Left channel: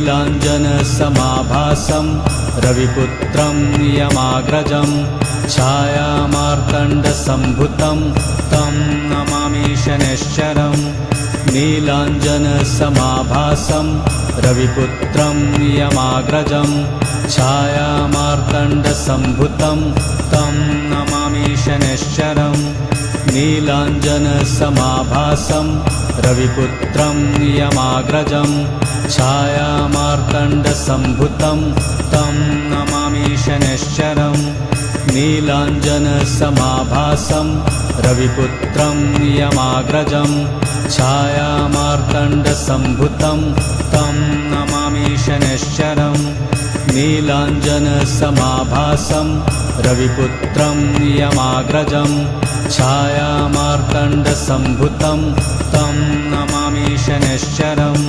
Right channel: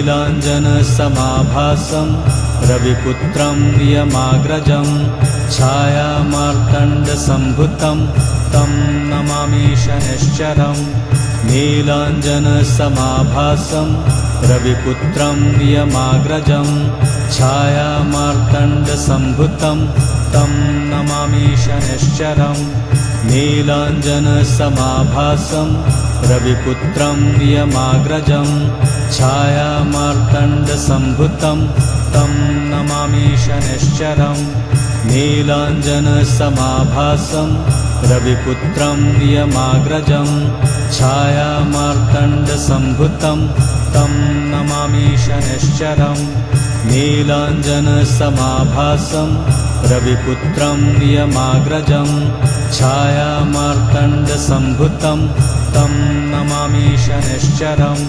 नीलाञ्जनसमाभासं रविपुत्रं नियमाग्रजं छायामार्तण्डसम्भुतं तं नमामि शनैश्चरम् नीलाञ्जनसमाभासं रविपुत्रं नियमाग्रजं छायामार्तण्डसम्भुतं तं नमामि शनैश्चरम् नीलाञ्जनसमाभासं रविपुत्रं नियमाग्रजं छायामार्तण्डसम्भुतं तं नमामि शनैश्चरम् नीलाञ्जनसमाभासं रविपुत्रं नियमाग्रजं छायामार्तण्डसम्भुतं तं नमामि शनैश्चरम् नीलाञ्जनसमाभासं रविपुत्रं नियमाग्रजं छायामार्तण्डसम्भुतं तं नमामि शनैश्चरम्